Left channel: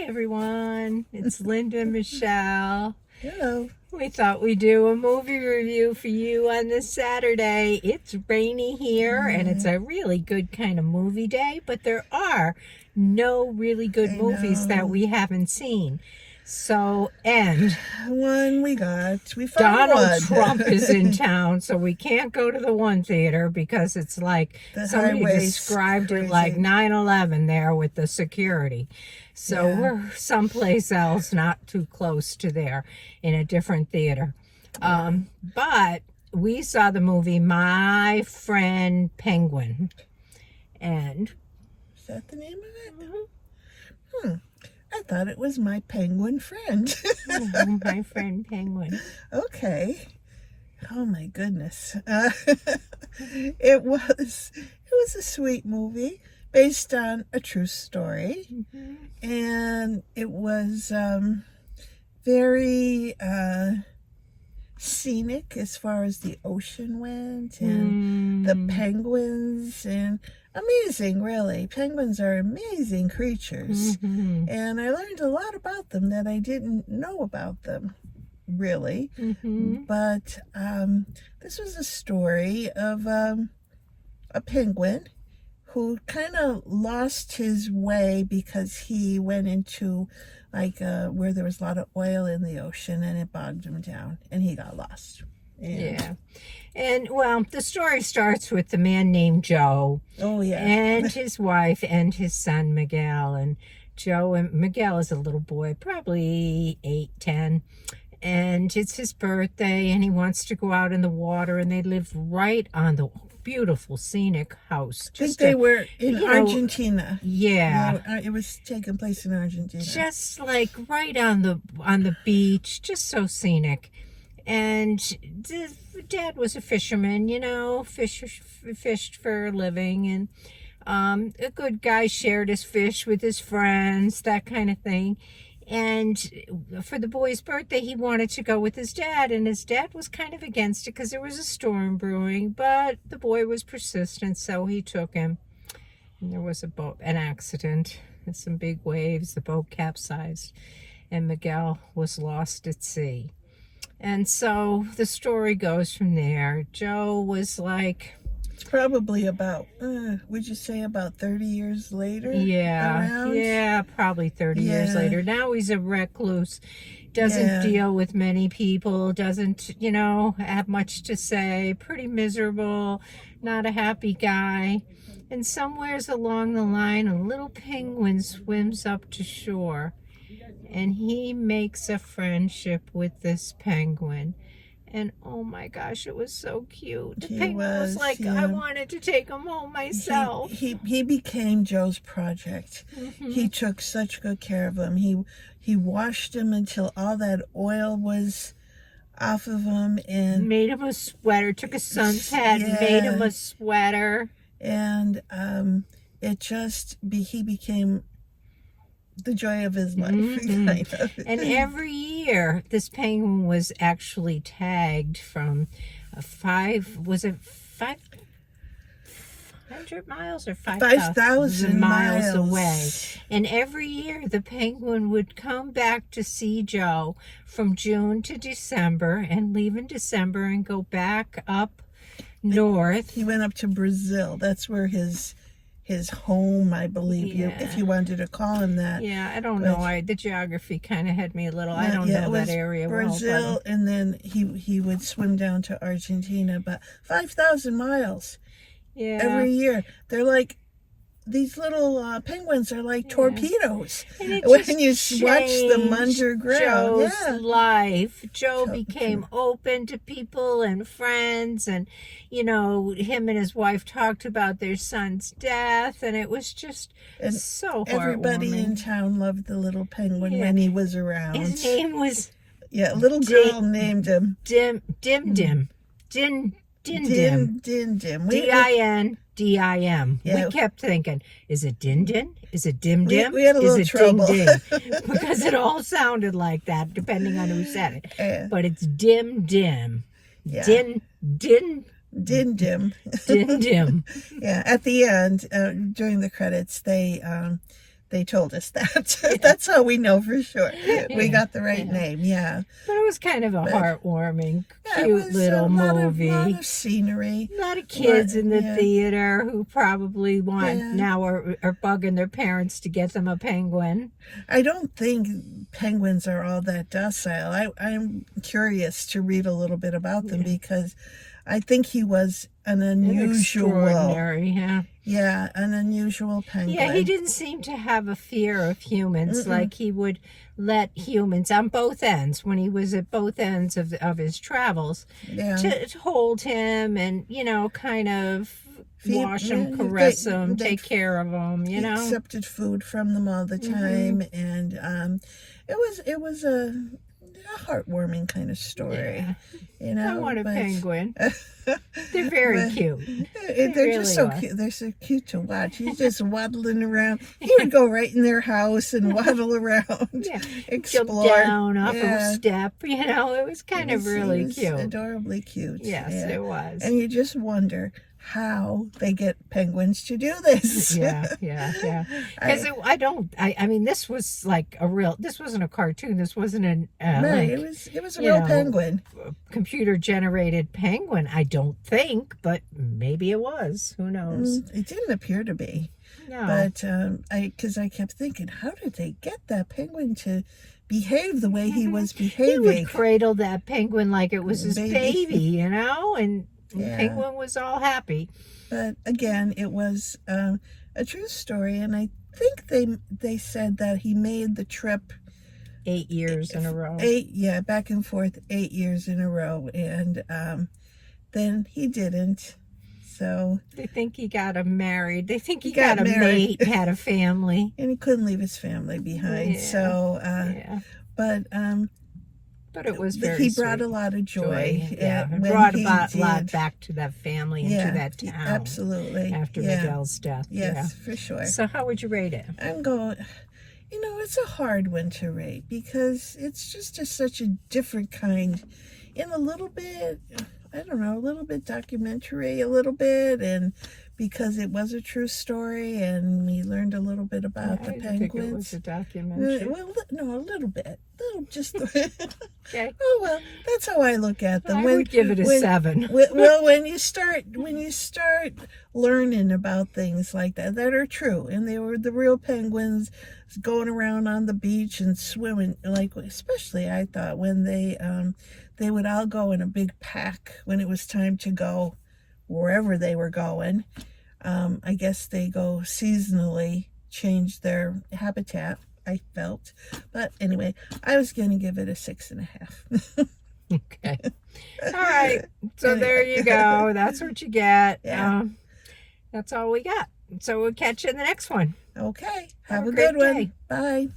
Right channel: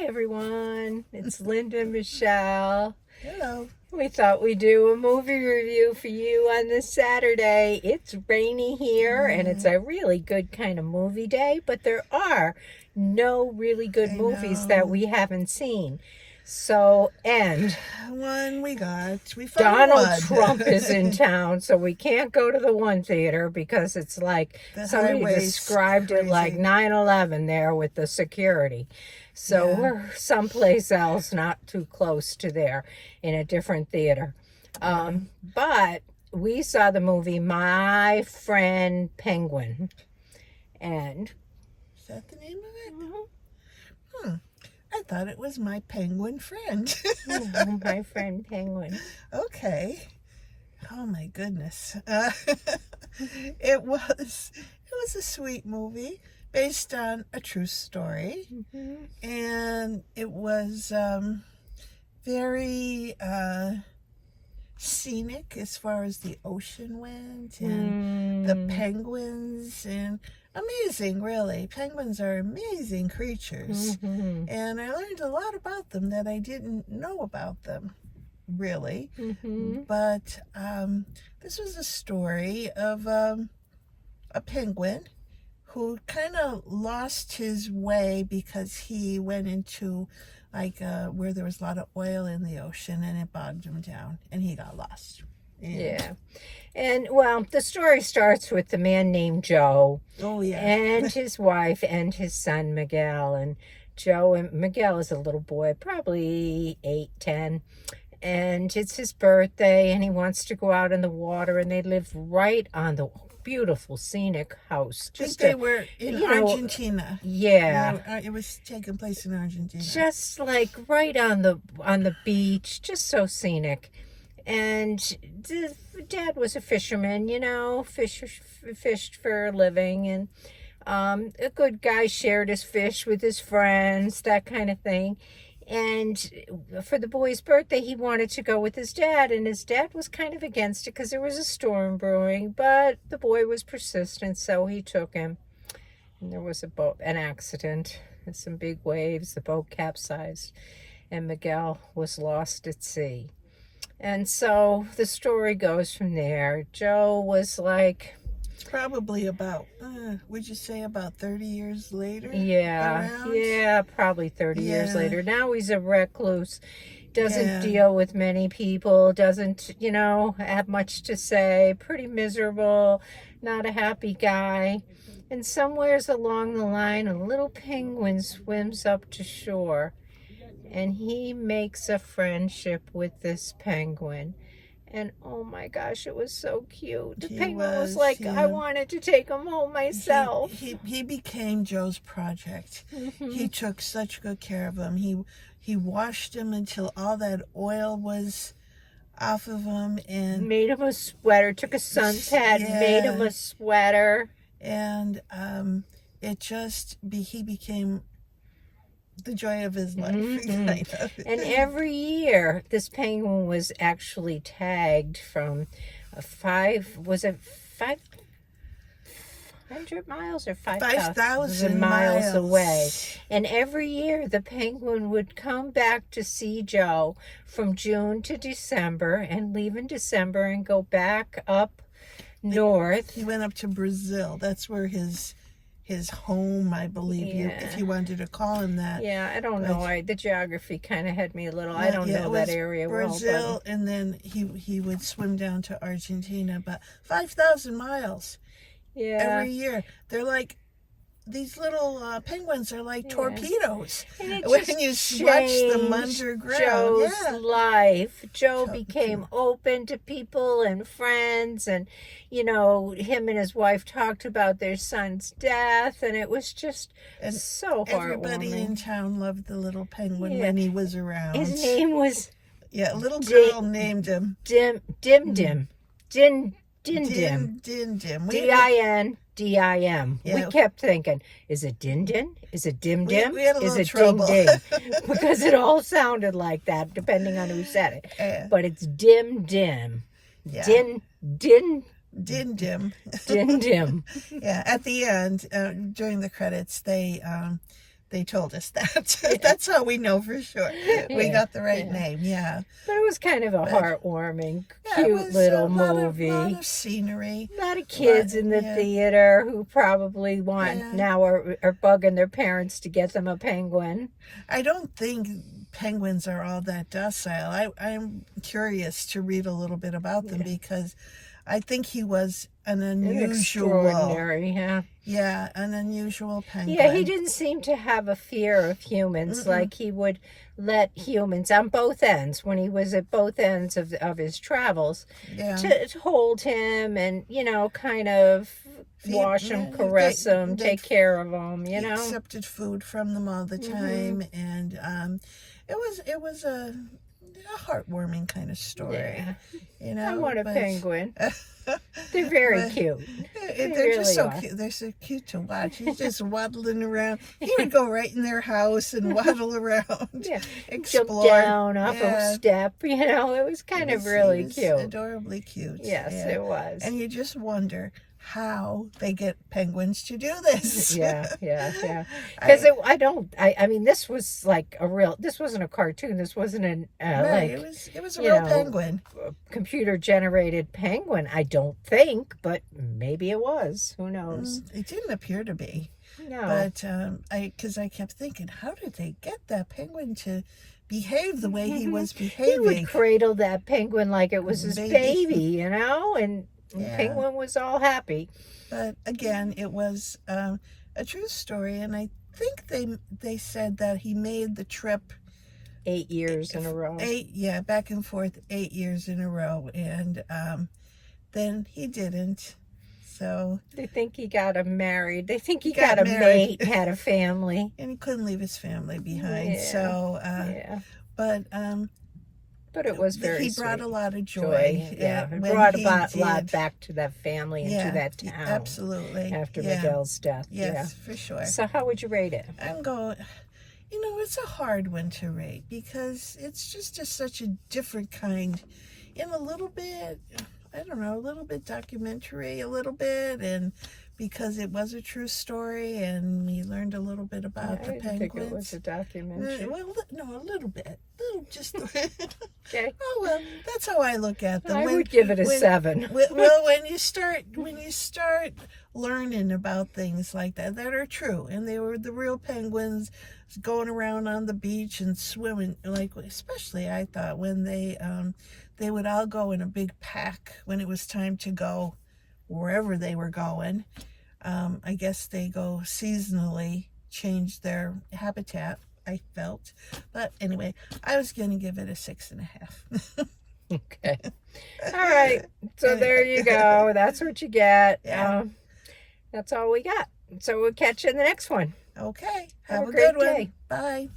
Hi everyone, it's Linda and Michelle. Hello. We thought we'd do a movie review for you on this Saturday. It's rainy here and it's a really good kind of movie day, but there are no really good movies that we haven't seen. So, and We found Donald one. Trump is in town, so we can't go to the one theater because it's like somebody described it like 9/11 there with the security. So we're someplace else, not too close to there, in a different theater. But we saw the movie My Friend Penguin. And Is that the name of it? I thought it was My Penguin Friend. My Friend Penguin. Okay. Oh my goodness. It was a sweet movie based on a true story. And it was very scenic as far as the ocean went and the penguins, and amazing, really. Penguins are amazing creatures. And I learned a lot about them that I didn't know about them, really. But this was a story of a penguin who kind of lost his way because he went into where there was a lot of oil in the ocean, and it bogged him down and he got lost. And well, the story starts with the man named Joe. Oh yeah. And his wife and his son Miguel. And Miguel is a little boy, probably 8, 10. And it's his birthday and he wants to go out in the water, and they live right on the beautiful scenic house. They were in Argentina. It was taking place in Argentina. Just like right on the beach, just so scenic. And the dad was a fisherman, fished for a living, and a good guy, shared his fish with his friends, that kind of thing. And for the boy's birthday, he wanted to go with his dad, and his dad was kind of against it because there was a storm brewing, but the boy was persistent, so he took him. And there was an accident and some big waves. The boat capsized, and Miguel was lost at sea. And so the story goes from there. Joe was like... Probably about, would you say about 30 years later? Yeah, probably 30 years later. Now he's a recluse, doesn't deal with many people, doesn't, have much to say, pretty miserable, not a happy guy. And somewheres along the line, a little penguin swims up to shore, and he makes a friendship with this penguin. And oh my gosh, it was so cute. The penguin was like, I wanted to take him home myself. He became Joe's project. He took such good care of him. He washed him until all that oil was off of him, and made him a sweater. Took a sun's hat, made him a sweater. And he became the joy of his life. And every year this penguin was actually tagged from 500 miles or 5,000 miles away. And every year the penguin would come back to see Joe from June to December, and leave in December and go back up north. He went up to Brazil. That's where his home, I believe, if you wanted to call him that. Yeah, I don't know. The geography kind of had me a little. I don't know that area Brazil, well. And then he would swim down to Argentina, but 5,000 miles. Every year. They're like, these little penguins are like torpedoes. When you watch them underground. Joe's life. Joe became open to people and friends, and him and his wife talked about their son's death, and it was just so heartwarming. Everybody in town loved the little penguin when he was around. His name was a little girl named him Dim Dim. Dindim. We kept thinking, is it Din Din? Is it Dim Dim? We had a little trouble. Ding Ding? Because it all sounded like that, depending on who said it. But it's Dim Dim. Din Dim. At the end, during the credits, they they told us that. That's how we know for sure. We Yeah, got the right yeah. name, yeah. But it was kind of a heartwarming, Yeah, it cute was little a lot movie. of scenery. A lot of kids in the Yeah. theater who probably want Yeah. now are bugging their parents to get them a penguin. I don't think penguins are all that docile. I'm curious to read a little bit about them because I think he was an unusual, Extraordinary, yeah. an unusual penguin. Yeah, he didn't seem to have a fear of humans. Like he would let humans on both ends, when he was at both ends of his travels, Yeah. to hold him and, kind of wash him, They- caress him, they- take care of him, He accepted food from them all the time, and it was a heartwarming kind of story. I want a but- penguin. They're very cute. They're just so really cute. They're so cute to watch. He's just waddling around. He would go right in their house and waddle around, Yeah, explore. jump down up Yeah. a step. It was kind of He really was cute. adorably cute. Yes, yeah. it was. And you just wonder how they get penguins to do this. Yeah. I mean, this was like this wasn't a cartoon. This wasn't Right, like it was a real penguin. computer generated penguin. I don't think, but maybe it was. Who knows? It didn't appear to be. No. But because I kept thinking, how did they get that penguin to behave the way he was He behaving? would cradle that penguin like it was his Baby. baby, and the Yeah. penguin was all happy. But again, it was a true story, and I think they said that he made the trip 8 years in a row. back and forth 8 years in a row, and then he didn't. So They think he got him married. They think he got got a married. mate, had a family. and he couldn't leave his family behind. Yeah. So, Yeah. but It was very he sweet. brought a lot of joy. Yeah, it when brought he a lot did. back to that family and to that town. Absolutely. After yeah. Miguel's death. Yes, for sure. So how would you rate it? I'm going, it's a hard one to rate because it's just such a different kind, and a little bit, I don't know, a little bit documentary, a little bit, and because it was a true story, and we learned a little bit about the I didn't think it penguins. was a documentary. Well, no, a little bit. Just Okay. oh well, that's how I look at them. I would give it a 7. Well, when you start learning about things like that are true, and they were the real penguins going around on the beach and swimming, like especially I thought when they would all go in a big pack when it was time to go wherever they were going. I guess they go seasonally, change their habitat, I felt. But anyway, I was going to give it a 6.5. Okay. All right. So there you go. That's what you get. Yeah. That's all we got. So we'll catch you in the next one. Okay. Have a great good one. day. Bye.